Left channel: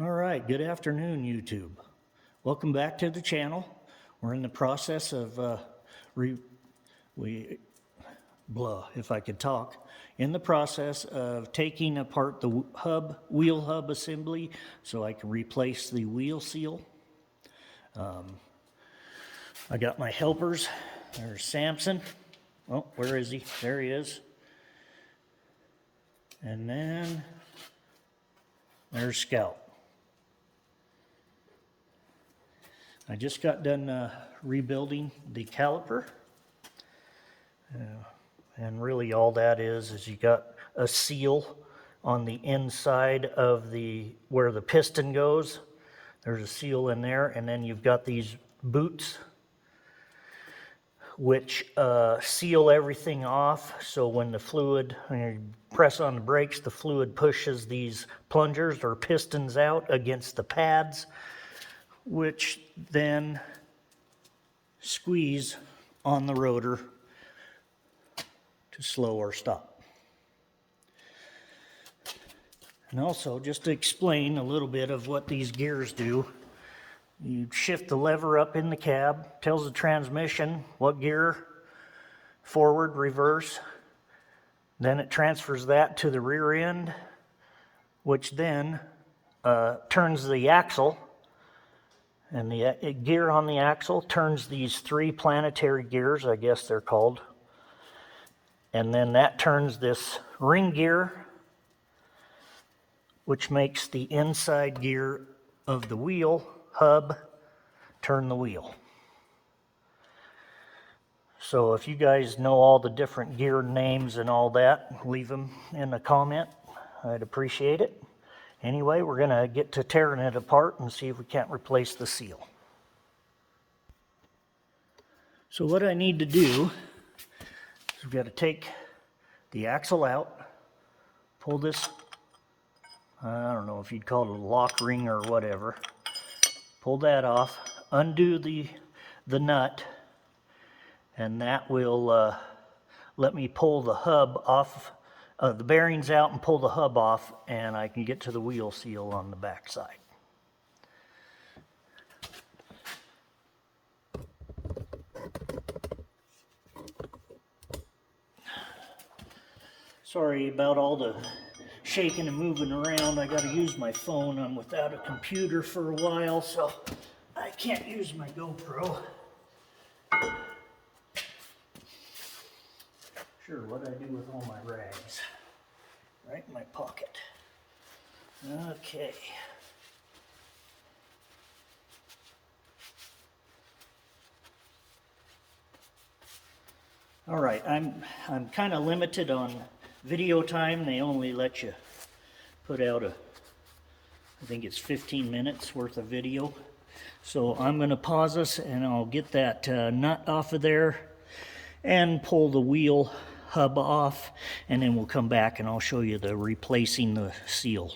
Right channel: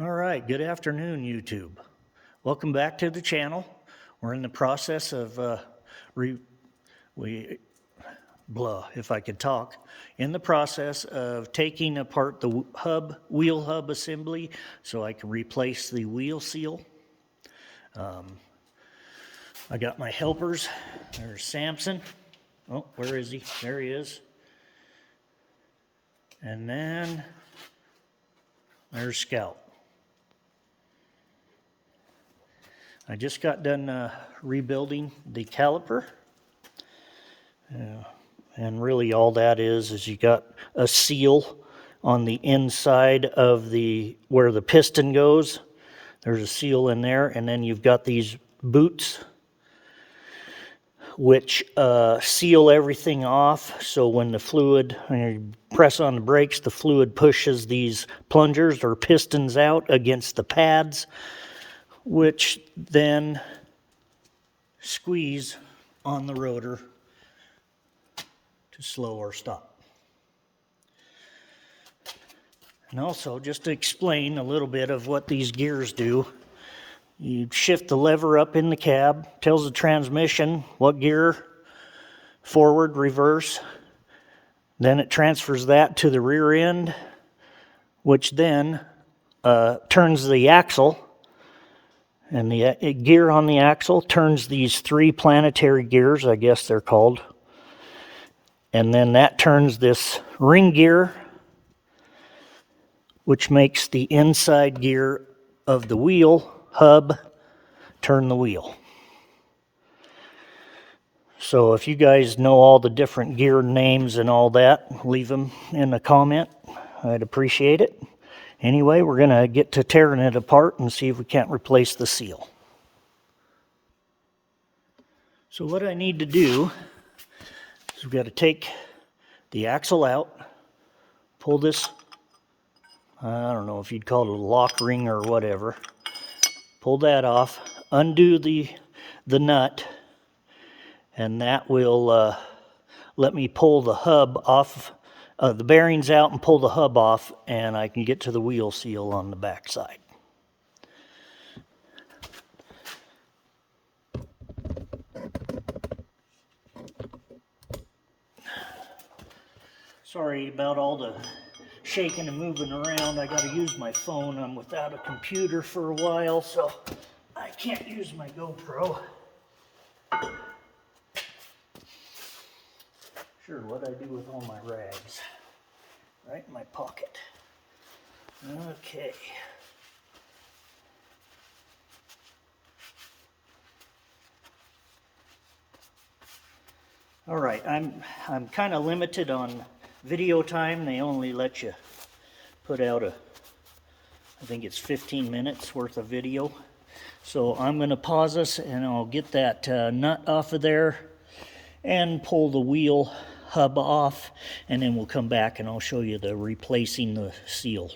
All right, good afternoon, YouTube. Welcome back to the channel. We're in the process of if I could talk, in the process of taking apart the wheel hub assembly so I can replace the wheel seal. I got my helpers. There's Samson. Oh, where is he? There he is. And then there's Scout. I just got done rebuilding the caliper. And really all that is you got a seal on the inside of where the piston goes. There's a seal in there, and then you've got these boots which seal everything off, so when you press on the brakes, the fluid pushes these plungers or pistons out against the pads, which then squeeze on the rotor to slow or stop. And also, just to explain a little bit of what these gears do, you shift the lever up in the cab, tells the transmission what gear, forward, reverse. Then it transfers that to the rear end, which then turns the axle. And the gear on the axle turns these three planetary gears, I guess they're called. And then that turns this ring gear, which makes the inside gear of the wheel hub turn the wheel. So if you guys know all the different gear names and all that, leave them in a comment. I'd appreciate it. Anyway, we're going to get to tearing it apart and see if we can't replace the seal. So what I need to do is we've got to take the axle out, pull this, I don't know if you'd call it a lock ring or whatever, pull that off, undo the nut, and that will let me pull the hub off, the bearings out and pull the hub off, and I can get to the wheel seal on the back side. Sorry about all the shaking and moving around. I got to use my phone. I'm without a computer for a while, so I can't use my GoPro. Sure, what I do with all my rags. Right in my pocket. Okay. All right, I'm kind of limited on video time. They only let you put out I think it's 15 minutes worth of video. So I'm going to pause this and I'll get that nut off of there and pull the wheel hub off, and then we'll come back and I'll show you replacing the seal.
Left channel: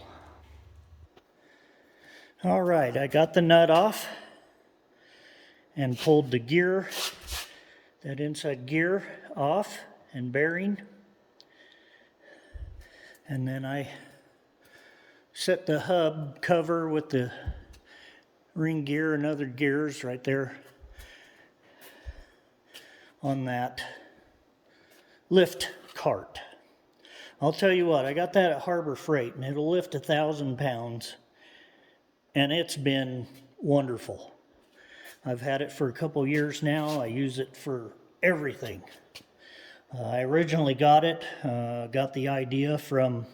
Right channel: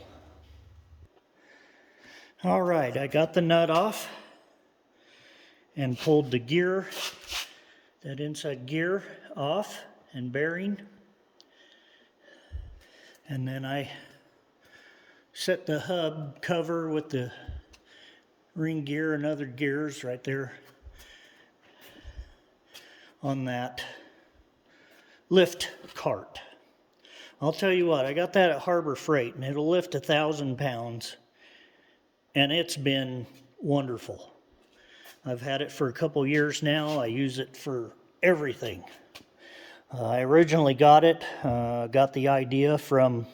All right, I got the nut off and pulled the gear, that inside gear off and bearing. And then I set the hub cover with the ring gear and other gears right there on that lift cart. I'll tell you what, I got that at Harbor Freight, and it'll lift 1,000 pounds, and it's been wonderful. I've had it for a couple years now. I use it for everything. I originally got the idea from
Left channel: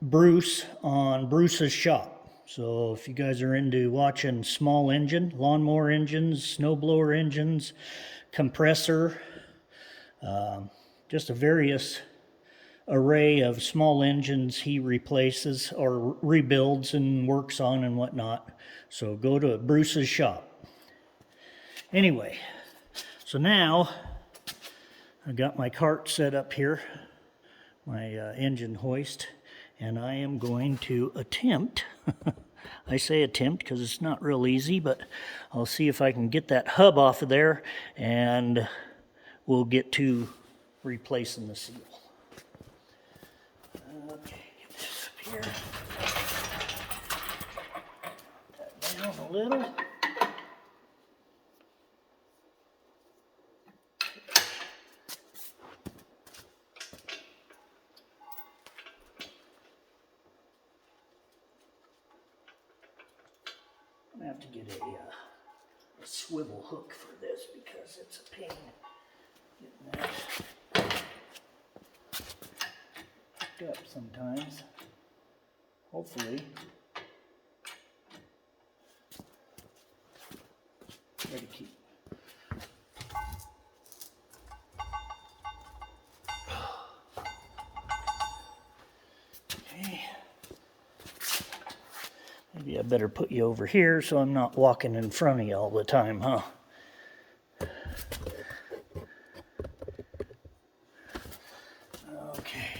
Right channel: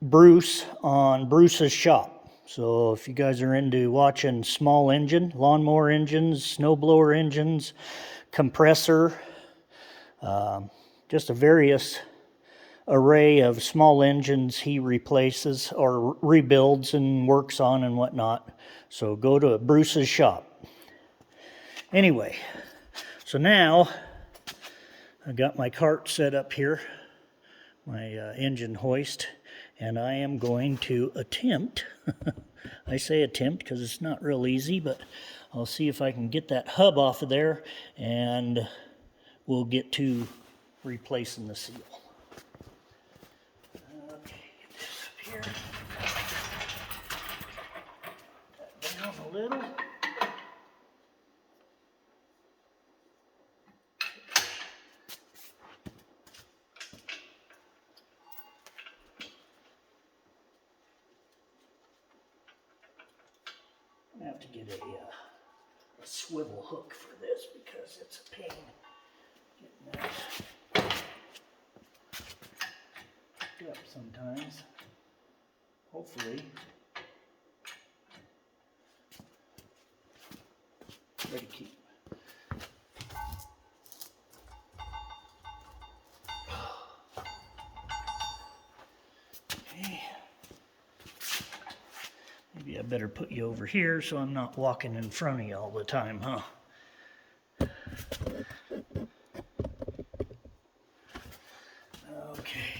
Bruce on Bruce's Shop. So if you guys are into watching small engine, lawnmower engines, snowblower engines, compressor, just a various array of small engines he replaces or rebuilds and works on and whatnot. So go to Bruce's Shop. Anyway, so now I got my cart set up here, my engine hoist, and I am going to attempt, I say attempt because it's not real easy, but I'll see if I can get that hub off of there, and we'll get to replacing the seal. Okay, get this up here. down a little. I'm gonna have to get a swivel hook for this because it's a pain getting that hooked up sometimes. Hopefully. Try to keep. Okay. Maybe I better put you over here so I'm not walking in front of you all the time, huh? Okay.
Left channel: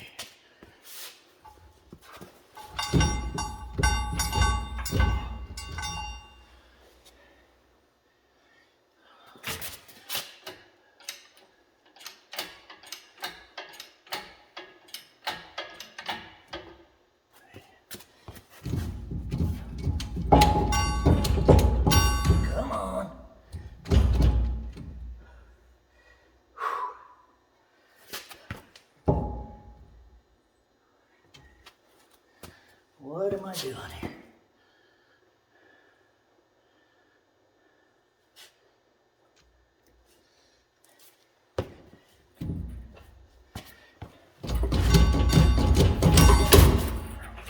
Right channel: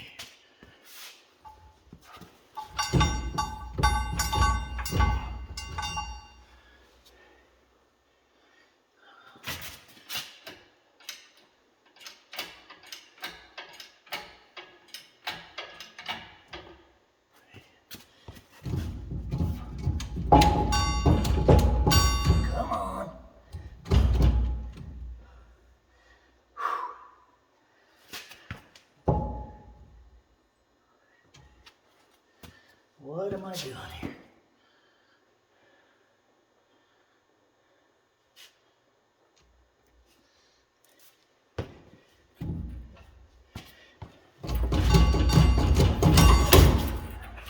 Come on. What am I doing here?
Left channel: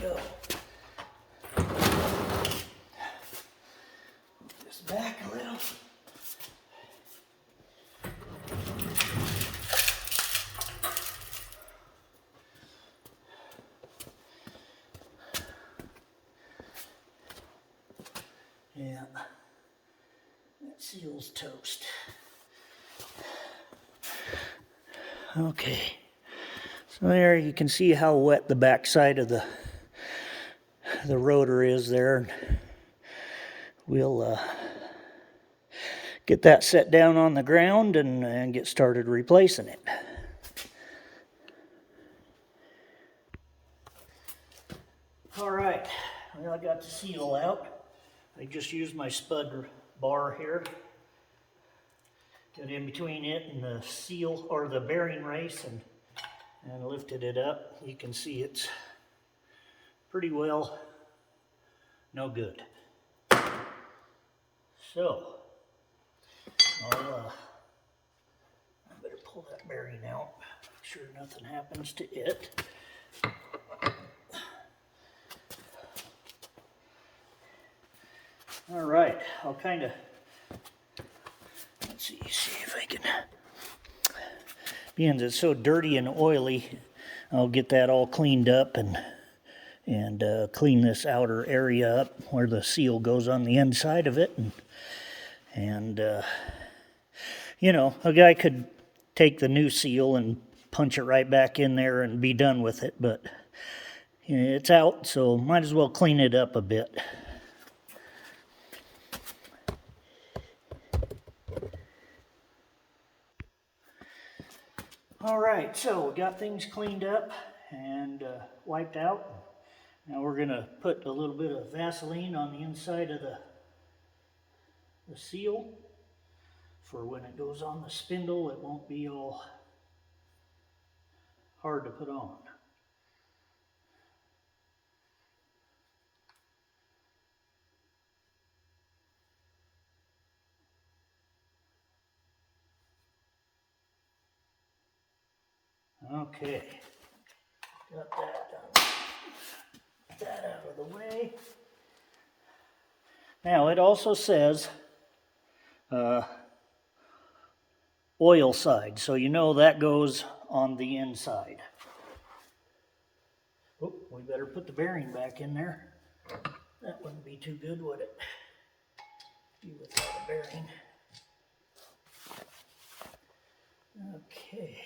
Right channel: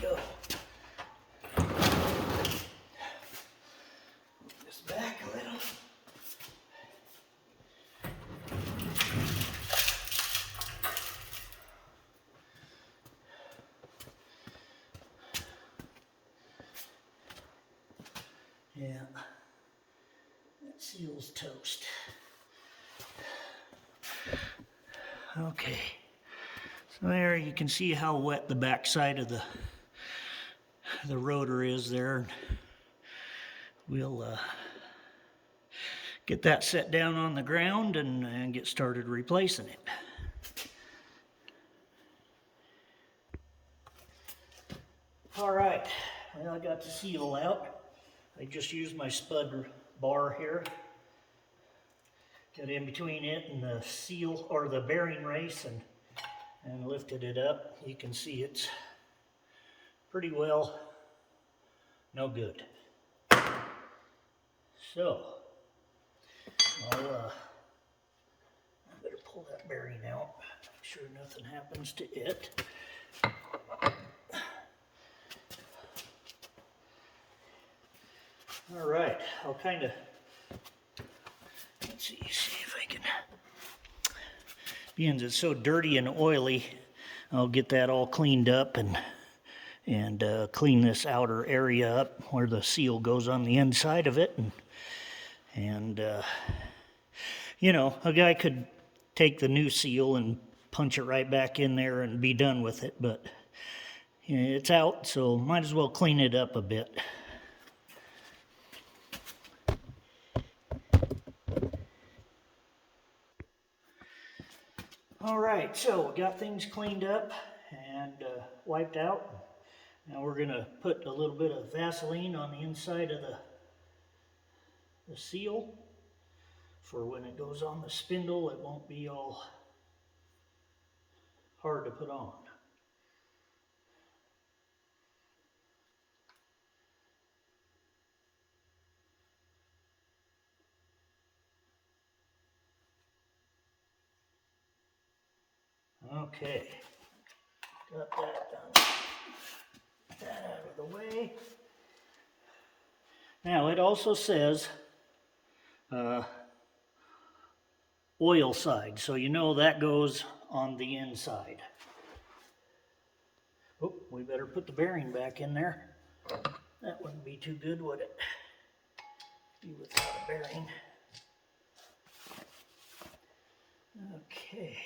Go. Move this back a little. Yeah, that seal's toast. Okay, so there you can see how wet the back side of the rotor is there. We'll get that set down on the ground and get started replacing it. All right, well, I got the seal out. I just used my spud bar here. Got in between it and the seal, or the bearing race, and lifted it up. You can see it's pretty well no good. So, I better pull that bearing out. Make sure nothing happens to it. All right, I'll kind of, let's see if I can, being it's so dirty and oily, I'll get that all cleaned up and clean this outer area up where the seal goes on the inside of it. And you know, a guy could take the new seal and punch it right back in there and be done with it, but you know, it's out, so might as well clean it up a bit. All right, so we got things cleaned up and wiped out. Now we're gonna put a little bit of Vaseline on the inside of the seal for when it goes on the spindle, it won't be all hard to put on. Okay, got that done. That out of the way. Now it also says oil side, so you know that goes on the inside. Oh, we better put the bearing back in there. That wouldn't be too good, would it? Be without a bearing. Okay.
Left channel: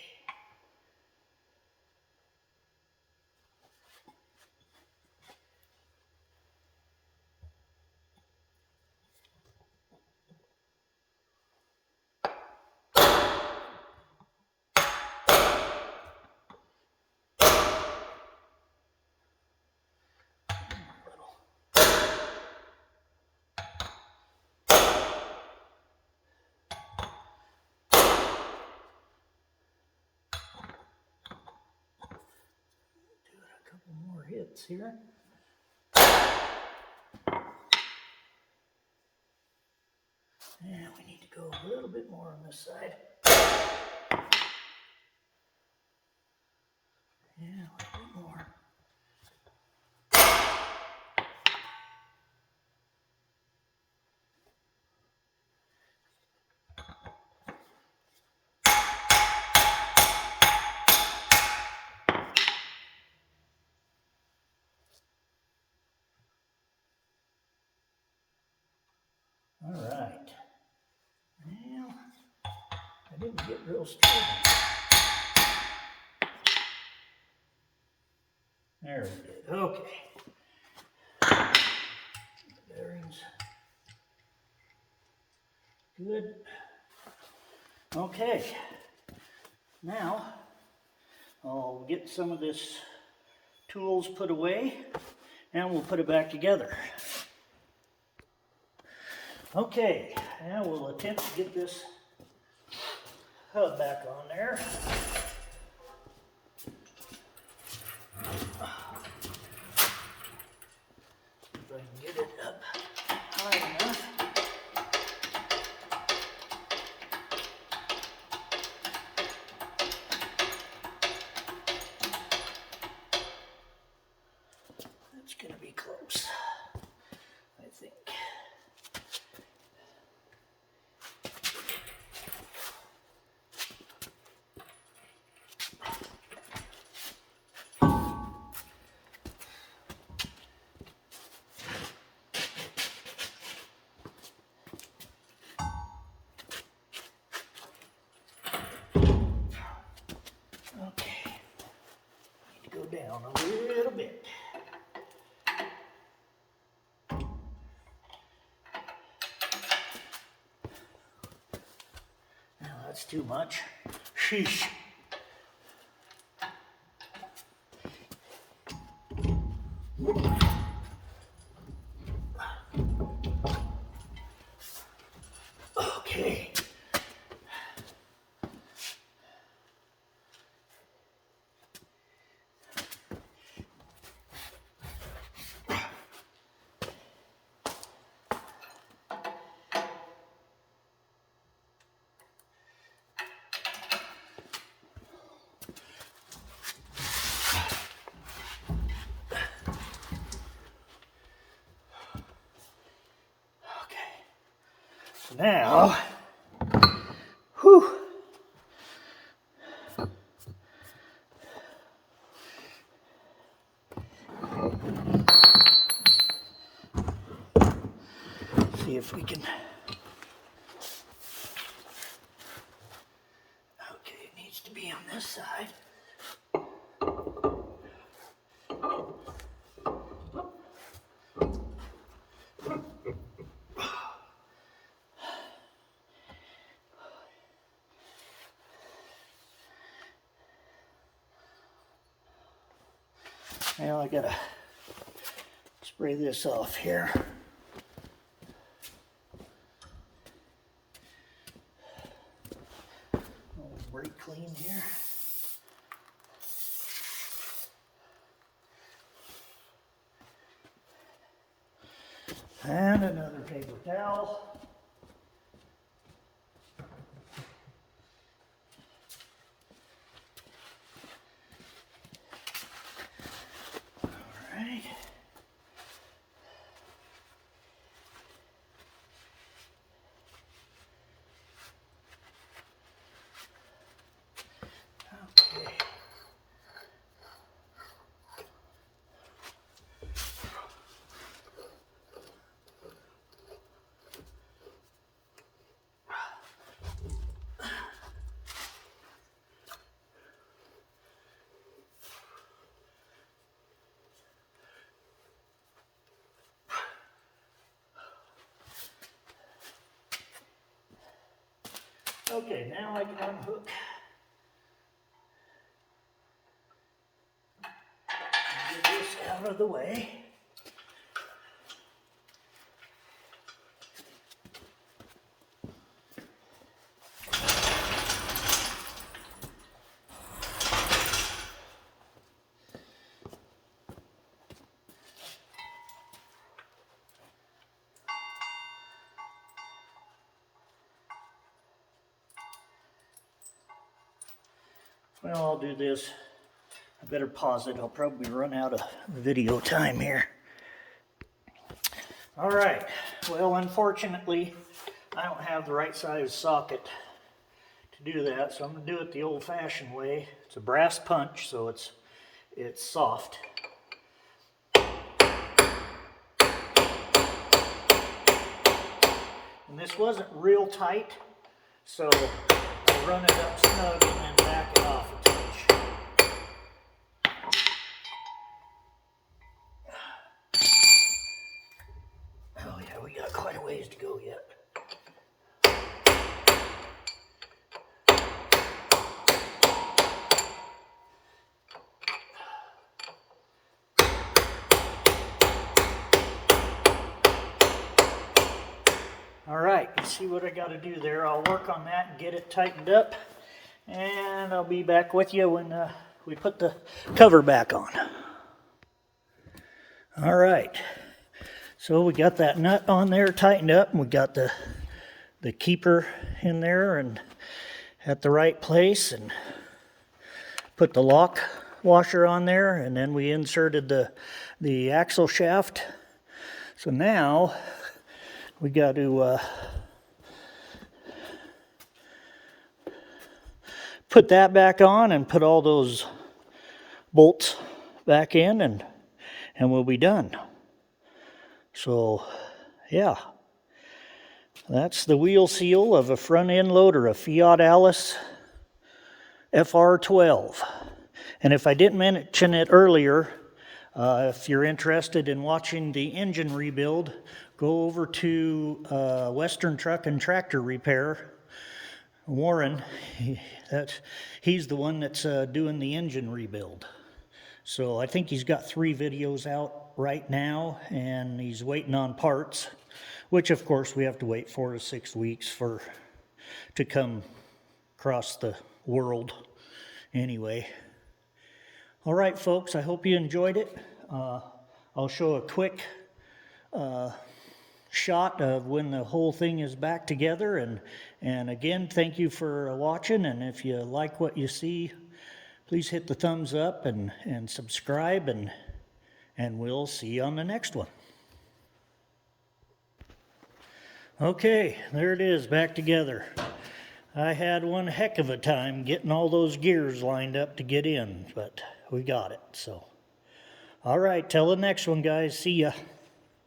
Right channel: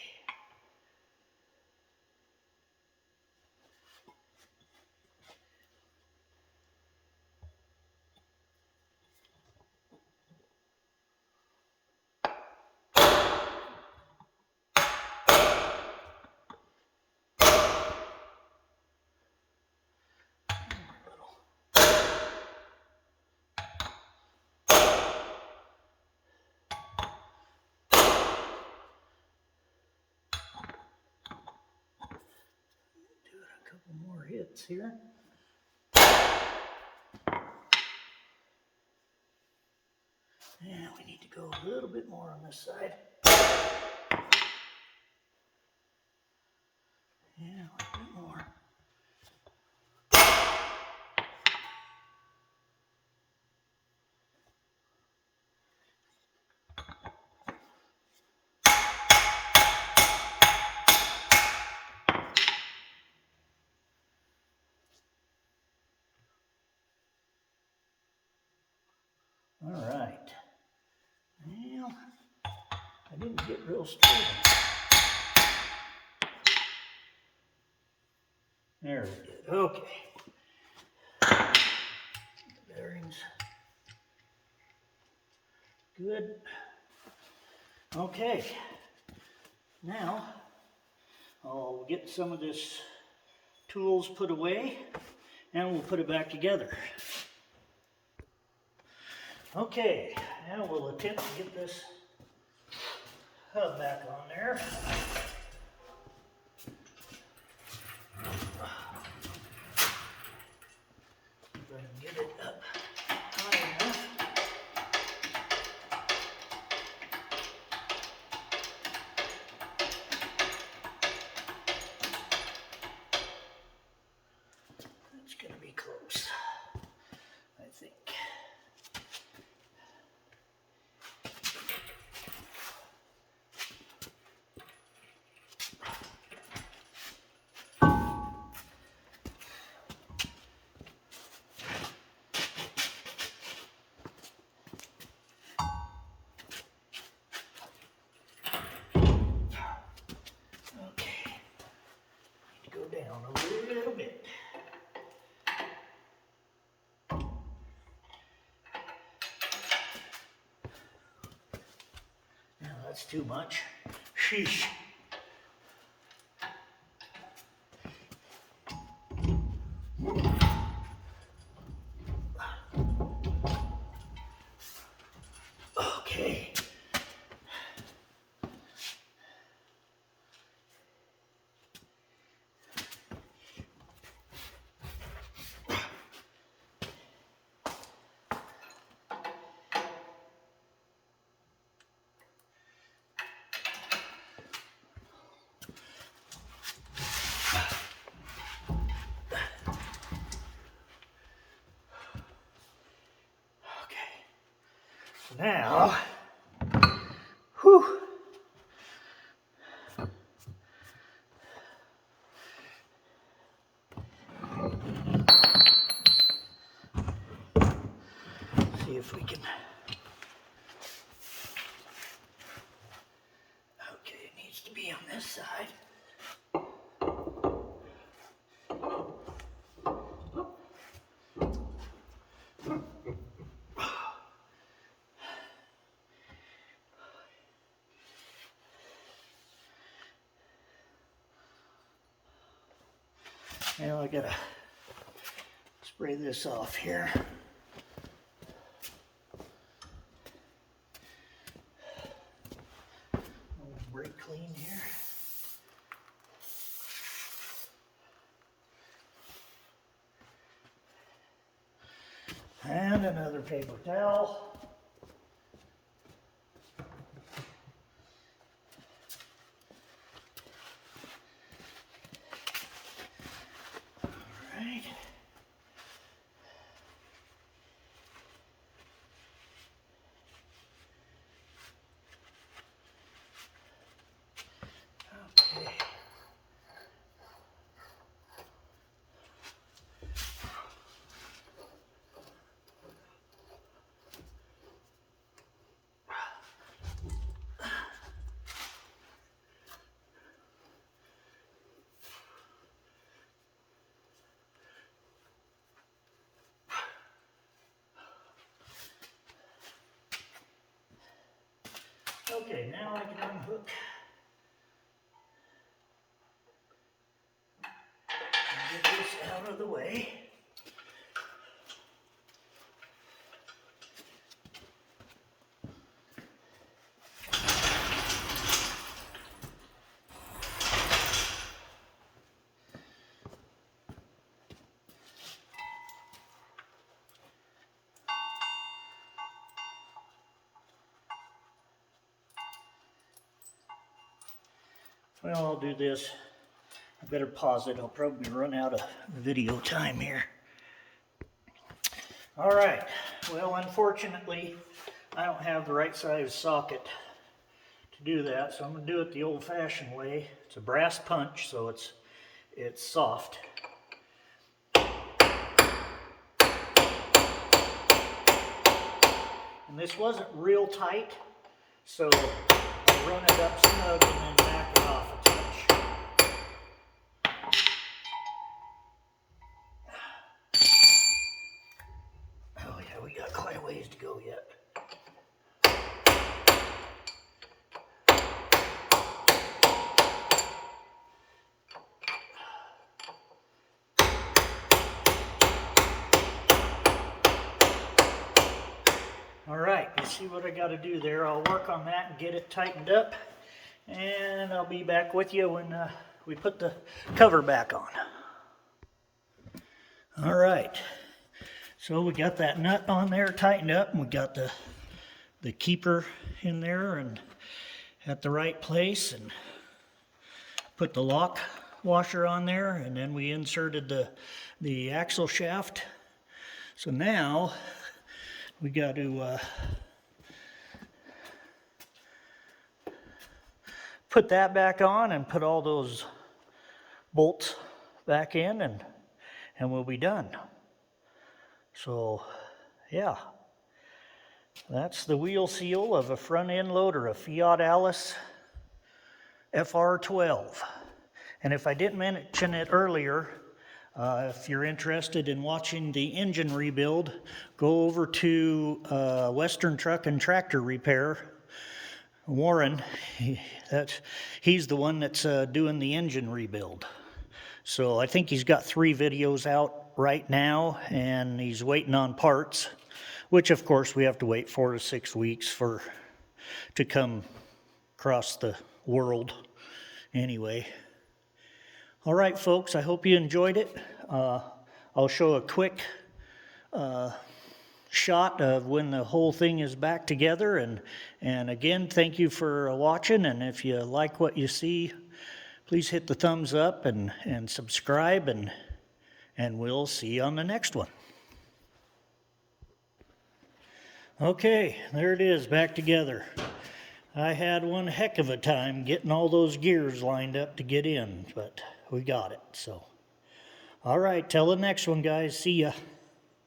couple more hits here. And we need to go a little bit more on this side. Yeah, a little bit more. All right. Well, I didn't get real straight. There we did. Okay. Bearings. Good. Okay. Now, I'll get some of this tools put away and we'll put it back together. Okay, and we'll attempt to get this hub back on there. If I can get it up high enough. It's going to be close, I think. Okay, need to go down a little bit. Now that's too much. Sheesh. Okay. Now, whew. See if we can. Okay, it needs to be on this side. Now I gotta spray this off here. Brake clean here. And another paper towel. Okay, now I can unhook and get this out of the way. Well, I'll do this. I better pause it. I'll probably run out of video time here. All right. Well, unfortunately, I don't have the right size socket to do that, so I'm going to do it the old-fashioned way. It's a brass punch, so it's soft. And this wasn't real tight, so I'll run it up snug and then back it off a touch. Oh yeah, we got quite a ways to go yet. All right, you see what I got to do there. I'll work on that and get it tightened up, and I'll be back with you when we put the cover back on. All right, so we got that nut on there tightened up, and we got the keeper in there and at the right place, and put the lock washer on there, and then we inserted the axle shaft. So now we got to put that back on and put all those bolts back in, and we'll be done. So yeah, that's the wheel seal of a front end loader, a Fiat Allis FR12. And if I didn't mention it earlier, if you're interested in watching the engine rebuild, go over to Western Truck and Tractor Repair. Warren, he's the one that's doing the engine rebuild. So I think he's got 3 videos out right now, and he's waiting on parts, which of course we have to wait 4 to 6 weeks to come across the world anyway. All right, folks, I hope you enjoyed it. I'll show a quick shot of when the whole thing is back together. And again, thank you for watching. And if you like what you see, please hit the thumbs up and subscribe. And we'll see you on the next one. Okay, there it is, back together. I had one heck of a time getting all those gears lined up to get in, but we got it. So, all right, till the next one, guys. See ya.